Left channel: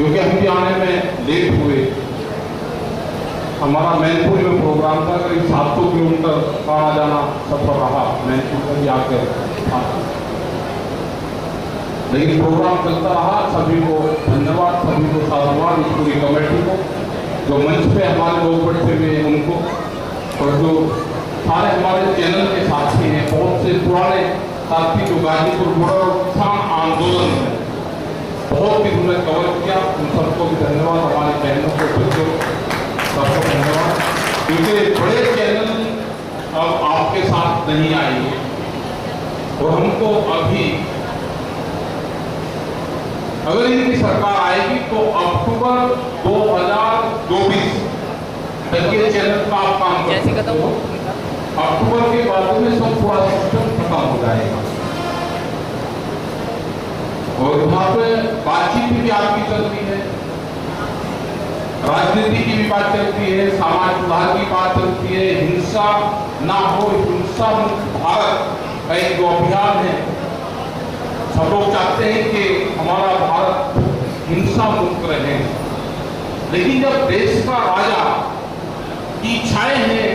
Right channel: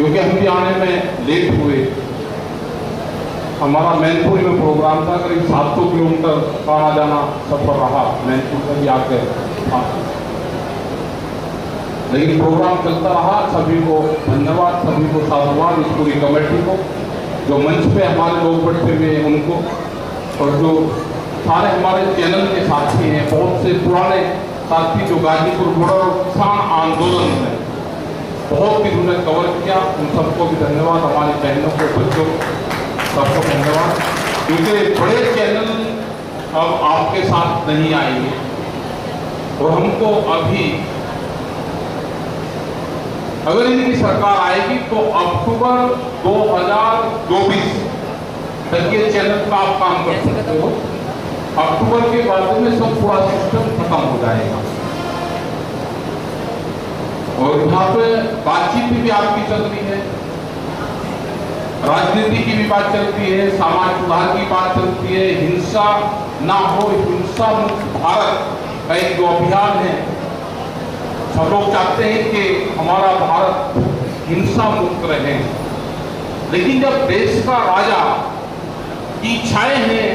क्योंकि हम भी आने में लेट हुए। हमारा मैनपुरी में प्रोग्राम था, करीब 700 किलोमीटर का आना जाना सफर रहा मैनपुर में भी आकर था, लेकिन प्रोग्राम चलता रहा। सभी को धन्यवाद, सभी को साधुवाद, इस पूरी कमेटी को, जो मंच पे हमारे लोग बैठे हुए हैं उनको, और जो सारे हमारे चैनल के साथी हैं, बहुत से पुराने साथी जो गाजीपुर बॉर्डर और किसान आंदोलन में बहुत भी उन्होंने कवर किया, उन सबको भी धन्यवाद। हमारी बहनों को, बच्चों सबको धन्यवाद, क्योंकि बड़े चैनल अब आपके साथ नहीं आएंगे और हमको अभी, अगर इनकी सरकार आएगी तो अक्टूबर 2024 तक ये चैनल का आप काम कर सकते हो। अक्टूबर के बाद में सब पूरा सिस्टम खत्म हो जाएगा और यहाँ पे बातचीत भी आपकी चल रही है, राजनीति की भी बात चलती है, समाज सुधार की बात चलती है, हिंसा ना हो, हिंसा मुक्त भारत का एक जो अभियान है, सब लोग चाहते हैं कि हमारा भारत हिंसा मुक्त रहे। लेकिन जब देश का राजा की इच्छाएं हैं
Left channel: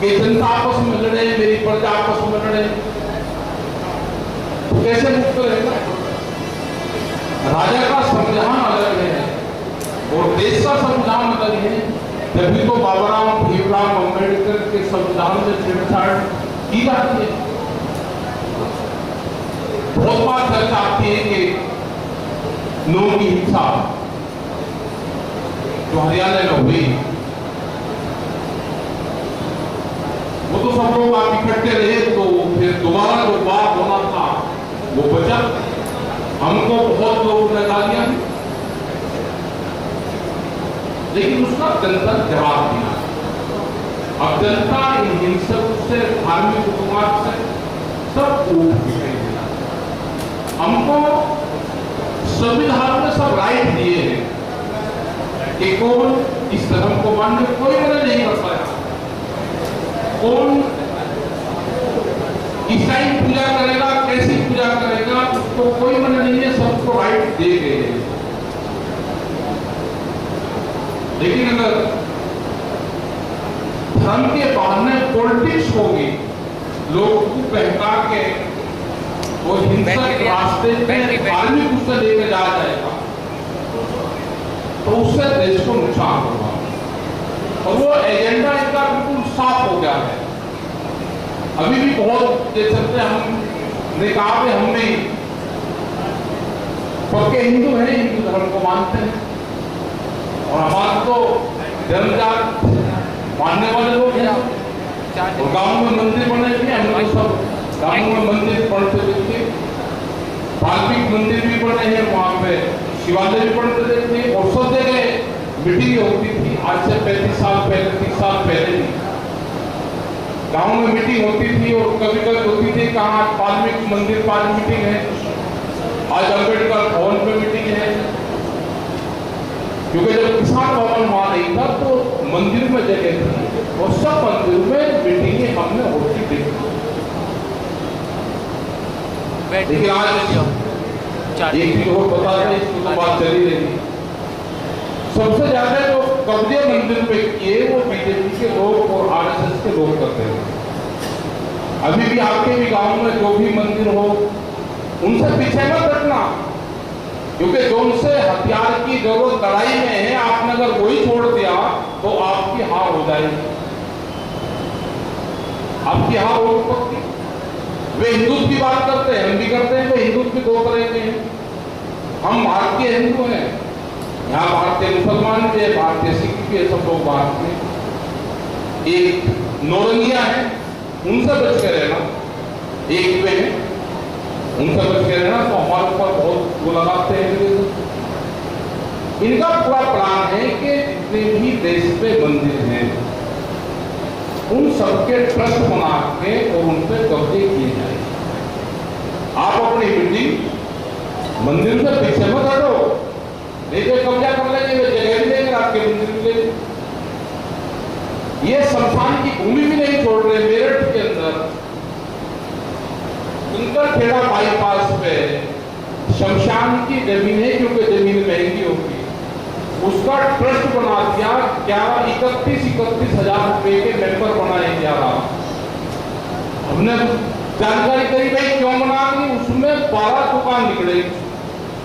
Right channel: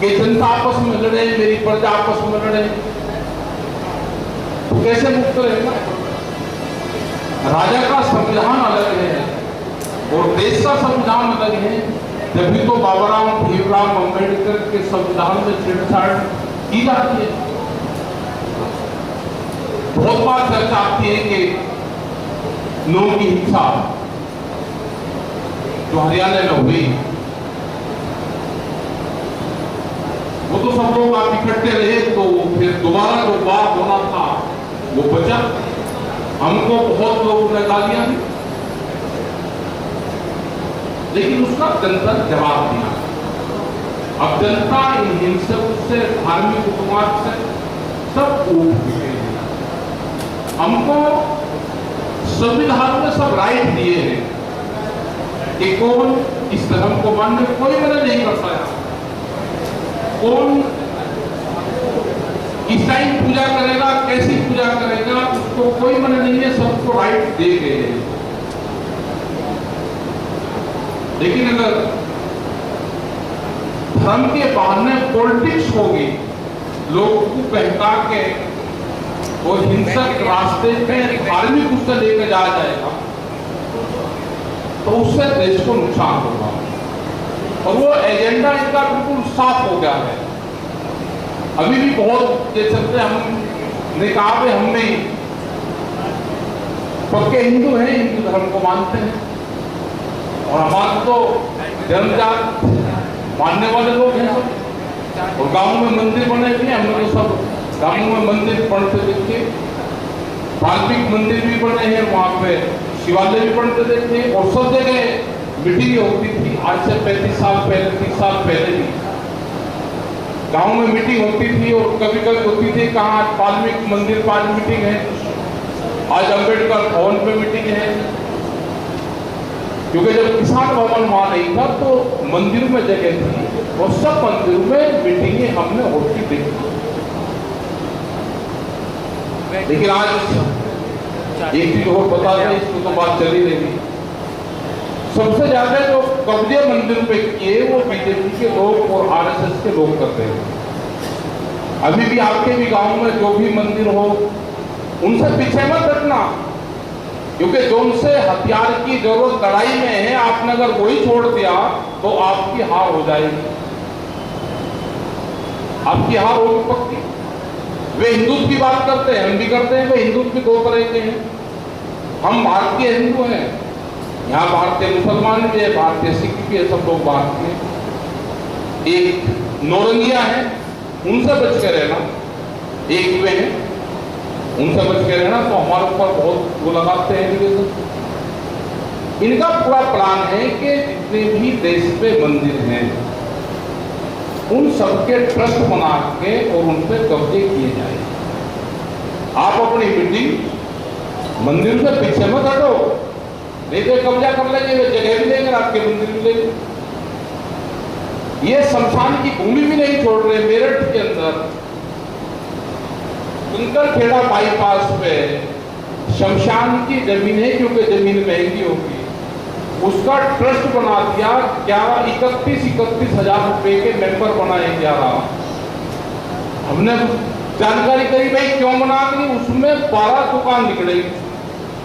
कि जनता आपस में लड़े, मेरी प्रजा आपस में लड़े, तो कैसे मुक्त रहेगा? राजा का संविधान अलग है और देश का संविधान अलग है। तभी तो बाबा भीमराव अम्बेडकर के संविधान में छेड़छाड़ की जाती है। बहुत बार चर्चा आती है कि नौ की हिंसा जो हरियाणा में हुई, वो तो सब लोग आप इकट्ठे रहे तो फिर दोबारा जो बात होना था वो बचा। हमको बहुत लोगों ने गालियां दी, लेकिन उसका जनता जवाब दिया। अब जनता इन हिंसक से, धार्मिक उन्माद से सब उठ गए। हमको संविधान में सब राइट दिए हैं कि कौन इस धर्म को मानने, कोई मना नहीं कर पाया, कौन ईसाई पूजा करेगा, कैसी पूजा करेगा, उसको कोई मना नहीं है, सबको राइट दे गए हैं। लेकिन अगर धर्म के बहाने पॉलिटिक्स होगी, लोगों को बहका के और हिंसक रास्ते पे धार्मिक उससे लेकर जाया जाएगा, तो उससे देश को नुकसान होगा। और वो एजेंडा इनका बिल्कुल साफ हो गया है। अभी भी बहुत देख सकते हैं, हम निकाह में हम भी पक्के हिंदू हैं, हिंदू धर्म को मानते हैं और हमारे तो जन्मजात मानने वाले लोग हैं। और गांव में मंदिर बने भी, हम लोग सब गांव में मंदिर पढ़ते देखे, वाल्मीकि मंदिर भी बने हैं, वहां पे शिवालय भी पढ़ते देखे और सब जगह मीटिंग होती थी। आज से 35 साल पहले, 30 साल पहले भी गांव में मीटिंग होती थी और कभी कभी होती थी कहाँ वाल्मीकि मंदिर पर आज मीटिंग है, आज अम्बेडकर भवन पे मीटिंग है। क्योंकि जब किसान भवन वहां नहीं था तो मंदिर में जगह थी और सब मंदिर में मीटिंगें हमने होती देखी। लेकिन आज एक चीज और बता दें, इसको तो बात चली रहेगी, सबसे ज्यादा जो कब्जे मंदिर पे किए वो बीजेपी के लोग और आरएसएस के लोग करते हैं। अभी भी आपके भी गांव में जो भी मंदिर हो, उनसे पीछे मत हटना, क्योंकि जो उनसे हथियार की जरूरत लड़ाई में है, आपने अगर वही छोड़ दिया तो आपकी हार हो जाएगी, आपकी हार होगी पक्की। वे हिंदुत्व की बात करते हैं, हम भी करते हैं, वे हिंदुत्व भी दो तरह के हैं। हम भारतीय हिंदू हैं, यहाँ भारतीय मुसलमान भी है, भारतीय सिख भी है, सब लोग भारतीय। एक नौरंगिया है, उनसे बच के रहना, एक वे हैं, उनसे बच के रहना। तो हमारे ऊपर बहुत वो लगाते हैं। इनका पूरा प्लान है कि जितने भी देश पे मंदिर हैं उन सबके ट्रस्ट बना के और उन पे कब्जे किए जाए। आप अपनी मीटिंग मंदिर से पीछे मत हटो, नहीं तो कब्जा कर लेंगे, वे जगह भी देंगे, आपके मंदिर भी देंगे। ये शमशान की भूमि भी नहीं छोड़ रहे। मेरठ के अंदर कंकरखेड़ा बाईपास पे शमशान की जमीन है, क्योंकि जमीन महंगी होगी, उसका ट्रस्ट बना दिया। 31 हजार रुपए के मेंबर बनाए 11। हमने जानकारी करी भाई क्यों बना दी, उसमें 12 दुकान निकलेगी,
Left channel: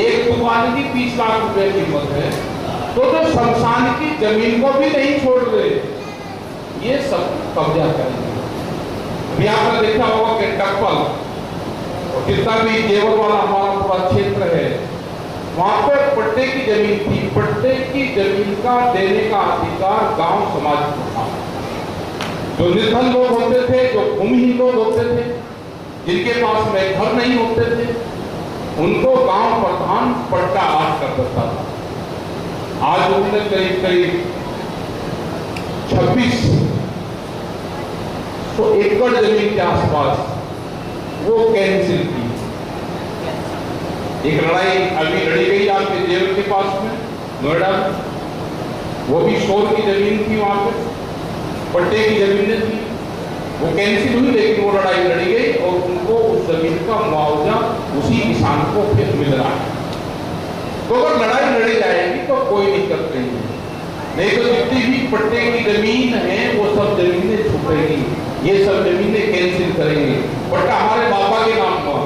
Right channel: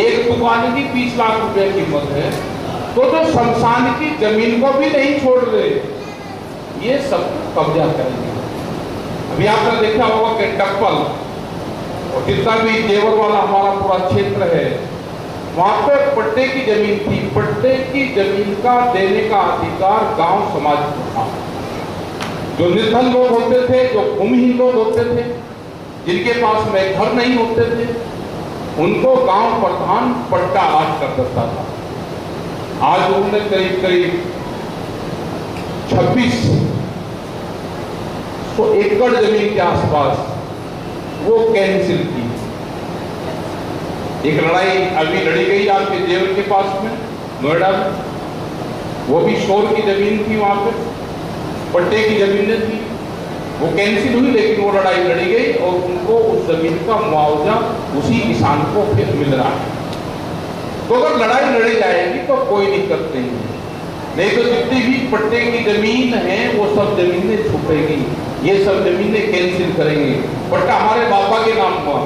एक दुकान की 20 लाख रुपए कीमत है। तो जो शमशान की जमीन को भी नहीं छोड़ रहे, ये सब कब्जा करेंगे। अभी आपने देखा होगा कि टप्पल और जितना भी जेवर वाला हमारा पूरा क्षेत्र है, वहां पे पट्टे की जमीन थी। पट्टे की जमीन का देने का अधिकार गांव समाज को था। जो निर्धन लोग होते थे, जो भूमिहीन लोग होते थे, जिनके पास में घर नहीं होते थे, उनको गांव प्रधान पट्टा आज कर देता था। आज उन्होंने करीब 2600 एकड़ जमीन के आसपास वो कैंसिल की। एक लड़ाई अभी लड़ी गई आपके जेल के पास में, नोएडा में, वो भी शोर की जमीन थी, वहां पे पट्टे की जमीनें थी, वो कैंसिल हुई, लेकिन वो लड़ाई लड़ी गई और उनको उस जमीन का मुआवजा उसी किसान को फिर मिल रहा है। तो अगर लड़ाई लड़ी जाएगी तो कोई दिक्कत नहीं है, नहीं तो जितनी भी पट्टे की जमीन है वो सब जमीनें छुपेगी, ये सब जमीनें कैंसिल करेंगे। पट्टा हमारे बाबा के नाम हुआ,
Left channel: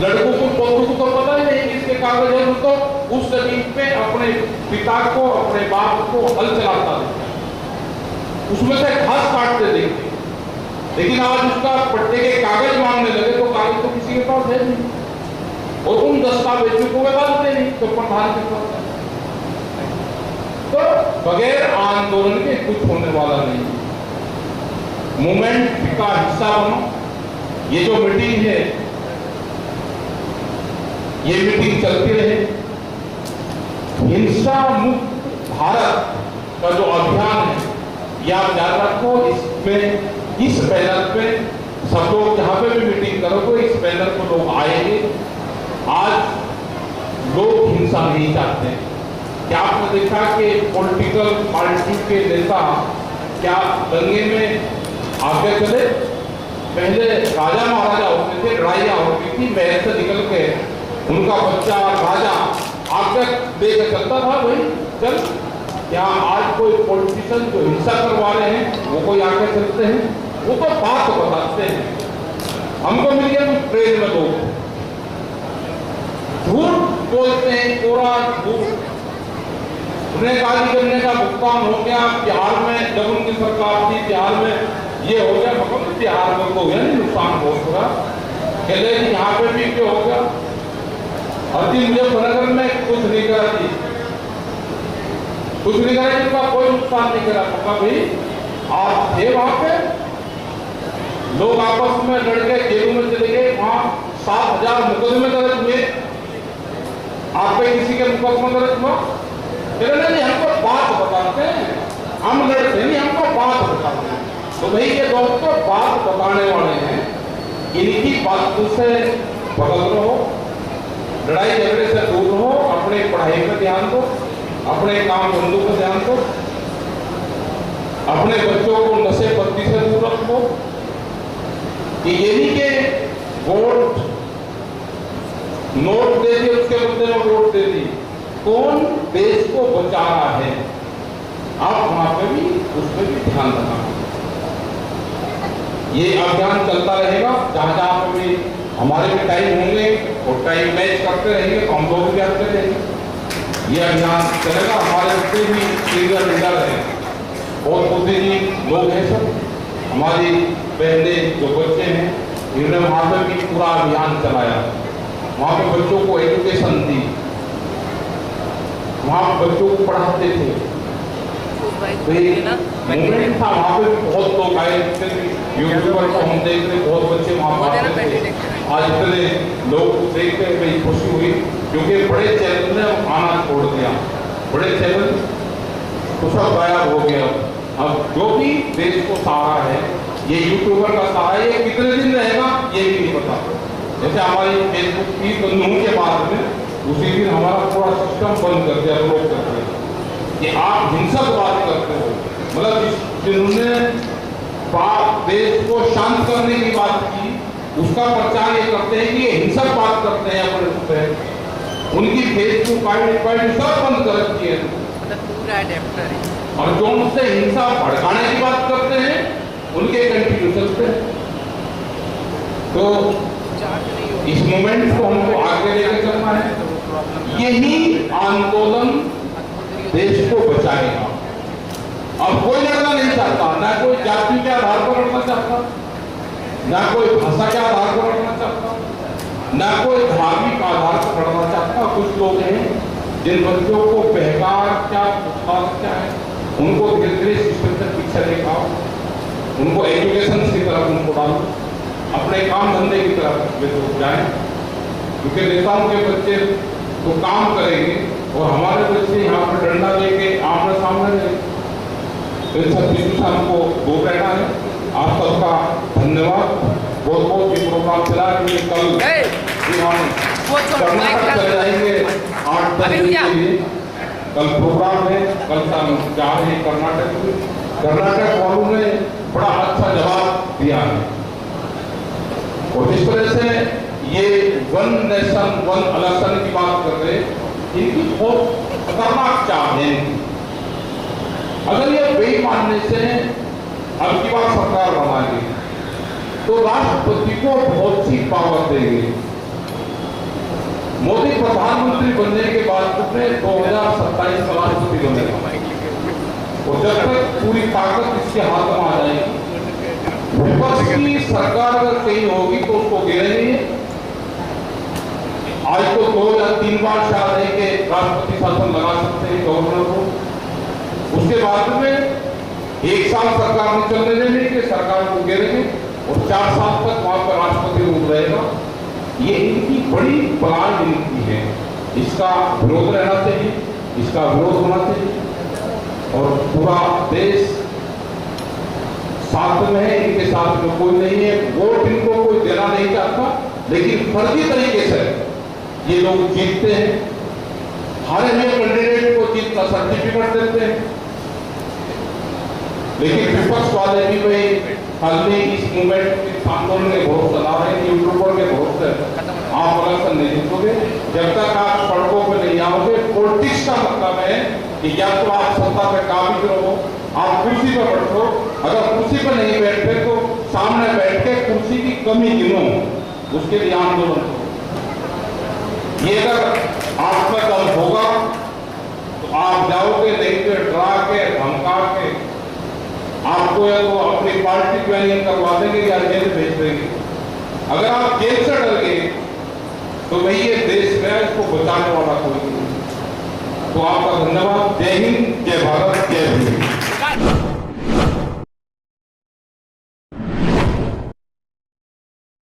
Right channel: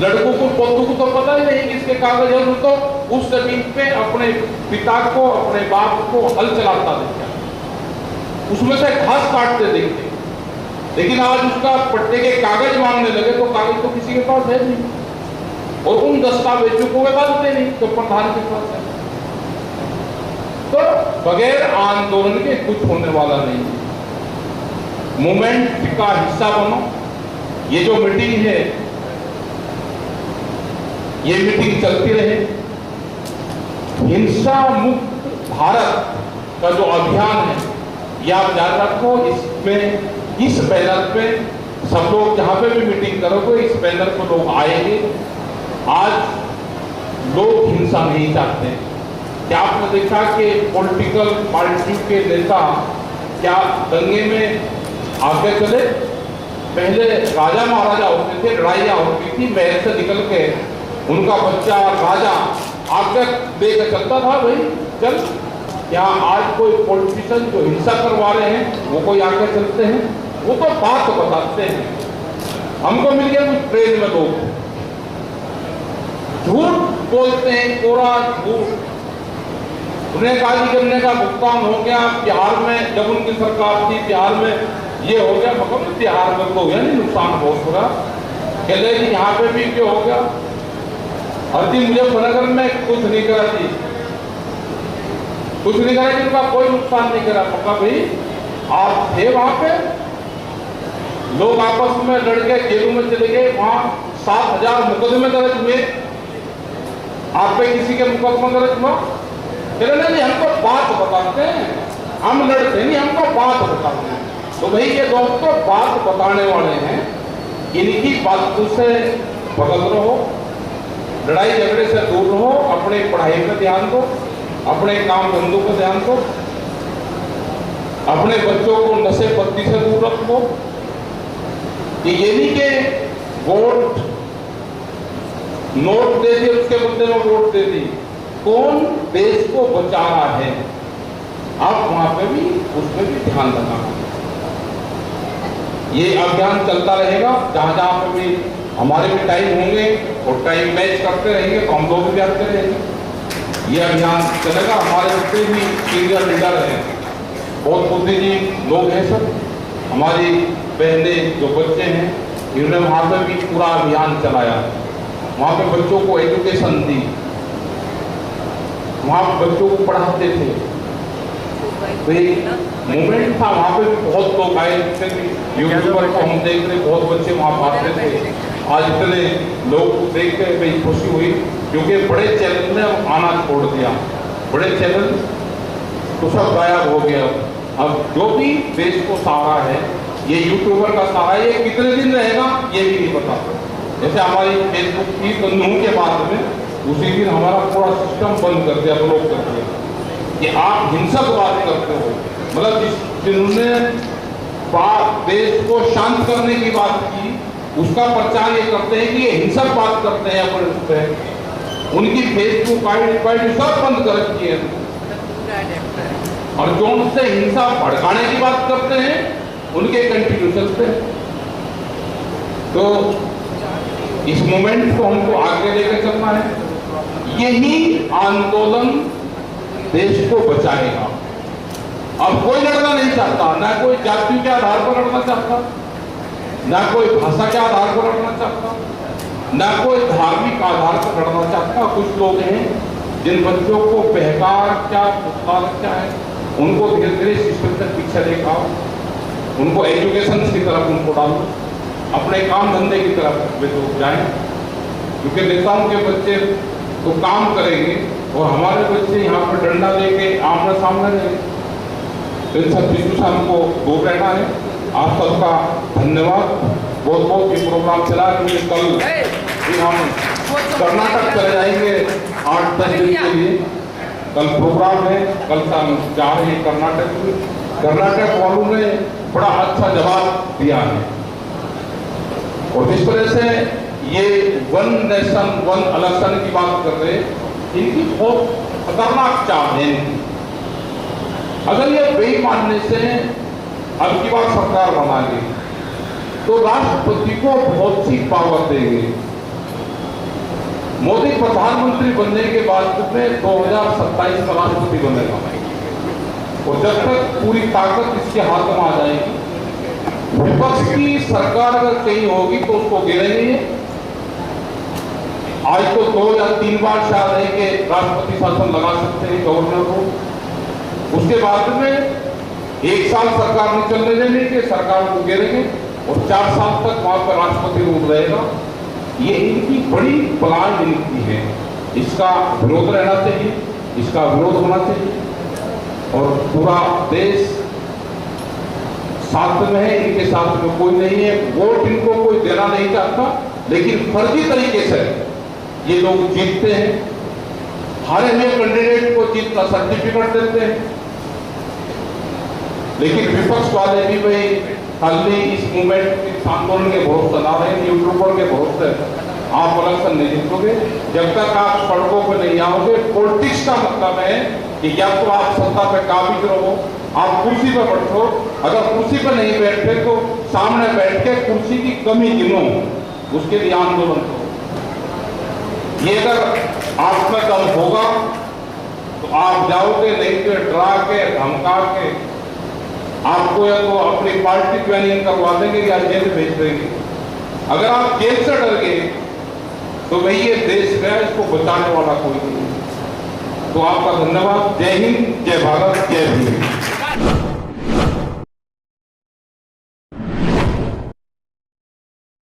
लड़कों को पोतों को तो पता ही नहीं किसके कागज है, तो उस जमीन पे अपने पिता को, अपने बाप को हल चलाता देखा, उसमें से घास काटते देखते। लेकिन आज उसका पट्टे के कागज मांगने लगे तो कागज तो किसी के पास है नहीं, और उन दस्तावेजों को वे बांधते नहीं तो प्रधान के पास है। तो बगैर आंदोलन के कुछ होने वाला नहीं। मूवमेंट का हिस्सा बनो। ये जो मीटिंग है, ये मीटिंग चलती रहे। हिंसा मुक्त भारत का जो अभियान है, ये आप याद रखो। इसमें इस बैनर पे सब लोग जहां पे भी मीटिंग करोगे, इस बैनर को लोग आएंगे। आज लोग हिंसा नहीं चाहते। क्या आपने देखा कि पॉलिटिकल पार्टी के नेता क्या दंगे में आगे चले? पहले राजा महाराजा होते थे, लड़ाइयां होती थी, महल से निकल के उनका बच्चा राजा आगे लेकर चलता था, भाई चल। क्या आज कोई पॉलिटिशियन जो हिंसा करवा रहे हैं वो कोई आगे चलते हैं? वो तो बात बताते हैं। हमको मिल गया कुछ ट्रेन में लोग झूठ बोलते हैं, कोरा झूठ। उन्हें काली करने का भुगतान हो गया बिहार में, जब उनकी सरकार थी बिहार में ये हो गया, मतलब बिहार में तो नहीं नुकसान बहुत होगा, कहते कि यहाँ पे भी क्यों हो गया। और जी मुजफ्फरनगर में कुछ नहीं करा थी, कुछ नहीं करा, जिनका कोई नुकसान नहीं करा। पक्का भाई आप थे वहां पे, लोग आपस में लड़ के जेलों में चले गए, वहां 7000 मुकदमे दर्ज हुए। आप पे किसी के मुकदमा दर्ज हुआ? नहीं, हमको बात बताते हैं, हम लड़ते नहीं, हमको बात बताते हैं। तो भाई ये लोग तो बात बताने वाले हैं, इनकी बातों से बदल रहो, लड़ाई झगड़े से दूर रहो, अपने पढ़ाई पर ध्यान दो, अपने काम धंधों पर ध्यान दो, अपने बच्चों को नशे पत्ती से दूर रखो। ये नहीं कि वोट नोट दे दिए उसके बदले में वोट दे दी। कौन देश को बचा रहा है, आप वहां पे भी उस पर भी ध्यान रखना। ये अभियान चलता रहेगा, जहां जहां पे भी हमारे भी टाइम होंगे और टाइम मैच करते रहेंगे तो हम लोग भी आते रहेंगे। ये अभियान चलेगा। हमारे जितने भी सीनियर लीडर हैं, बहुत बुद्धिजीवी लोग हैं, सब हमारी बहनें जो बच्चे हैं, इन्होंने वहां पे भी पूरा अभियान चलाया। वहां पे बच्चों को एजुकेशन दी, वहां बच्चों को पढ़ाते थे। तो एक मूवमेंट था, वहां पे भी बहुत लोग आए, यूट्यूबर को हम देख रहे, बहुत बच्चे वहां पढ़ते थे। आज इतने लोग देख के भाई खुशी हुई, क्योंकि बड़े चैनल ने आना छोड़ दिया, बड़े चैनल तो सब गायब हो गया। अब जो भी देश को सहारा है, ये यूट्यूबर का सहारा, ये कितने दिन रहेगा ये भी नहीं पता। जैसे हमारी फेसबुक की कानून के बाद में उसी दिन हमारा पूरा सिस्टम बंद कर दिया, ब्लॉक कर दिया कि आप हिंसक बात करते हो। मतलब जिन्होंने देश को शांत करने की बात की, उसका प्रचार ये करते हैं कि ये हिंसक बात करते हैं अपने उस पे, उनकी फेसबुक आईडी सब बंद कर रखी है, और जो उनसे हिंसा भड़काने की बात करते हैं उनके कंटिन्यू चलते हैं। तो इस मोमेंट को हमको आगे लेकर चलना है। यही आंदोलन देश को बचाएगा। अब कोई लड़ना नहीं चाहता, ना कोई जाति के आधार पर लड़ना चाहता, ना कोई भाषा के आधार पर लड़ना चाहता, ना कोई धार्मिक आधार पर लड़ना चाहता। कुछ लोग हैं जिन बच्चों को बहकार क्या क्या है, उनको धीरे धीरे सिस्टम से पीछे लेकर उनको एजुकेशन की तरफ उनको डालो, अपने काम धंधे की तरफ वे तो जाए, क्योंकि नेताओं के बच्चे तो काम करेंगे और हमारे बच्चे यहाँ पर डंडा लेके आमने सामने रहेंगे। इन सब चीजों से हमको दूर रहना है। आप सबका धन्यवाद। बहुत बहुत ये प्रोग्राम चला क्योंकि कल हम कर्नाटक चले जाएंगे 8-10 दिन के लिए। कल प्रोग्राम है, कल हम जा रहे हैं कर्नाटक वालों ने बड़ा अच्छा जवाब दिया है, और जिस तरह से ये वन नेशन वन इलेक्शन की बात कर रहे हैं, इनकी बहुत खतरनाक चाल है इनकी। अगर ये बेईमानने से अब की बार सरकार बनाएगी तो राष्ट्रपति को बहुत सी पावर देंगे। मोदी प्रधानमंत्री बनने के बाद में 2027 का राष्ट्रपति बनेगा, और जब तक पूरी ताकत इसके हाथ में आ जाएगी, विपक्ष की सरकार अगर कहीं होगी तो उसको गिरेंगे। आज तो 2 या 3 बार शायद है कि राष्ट्रपति शासन लगा सकते हैं गवर्नर को, उसके बाद में 1 साल सरकार नहीं चलने देने के, सरकार को गिरेंगे और 4 साल तक वहां पर राष्ट्रपति रूप रहेगा। ये इनकी बड़ी प्लान नीति है, इसका विरोध रहना चाहिए, इसका विरोध होना चाहिए, और पूरा देश साथ में है, इनके साथ में कोई नहीं है। वोट इनको कोई देना नहीं चाहता, लेकिन फर्जी तरीके से ये लोग जीतते हैं, हारे हुए कैंडिडेट को जीत का सर्टिफिकेट देते हैं। लेकिन विपक्ष वाले भी भाई खाली इस मूवमेंट इस आंदोलन के भरोसे ला रहे हैं, यूट्यूबर के भरोसे आप इलेक्शन नहीं जीतोगे जब तक आप सड़कों पर नहीं आओगे। पॉलिटिक्स का मतलब है कि या तो आप सत्ता पे काबिज रहो, आप कुर्सी पर बैठो, अगर कुर्सी पर नहीं बैठते तो सामने बैठ के कुर्सी की कमी गिनो, उसके लिए आंदोलन करो। ये अगर आप में दम होगा तो आप जाओगे, नहीं तो डरा के धमका के आपको या तो अपनी पार्टी ज्वाइनिंग करवा देंगे या जेल भेज देंगे। अगर आप जेल से डर गए तो भाई ये देश में इसको बचाने वाला कोई नहीं। तो आपका धन्यवाद। जय हिंद, जय भारत।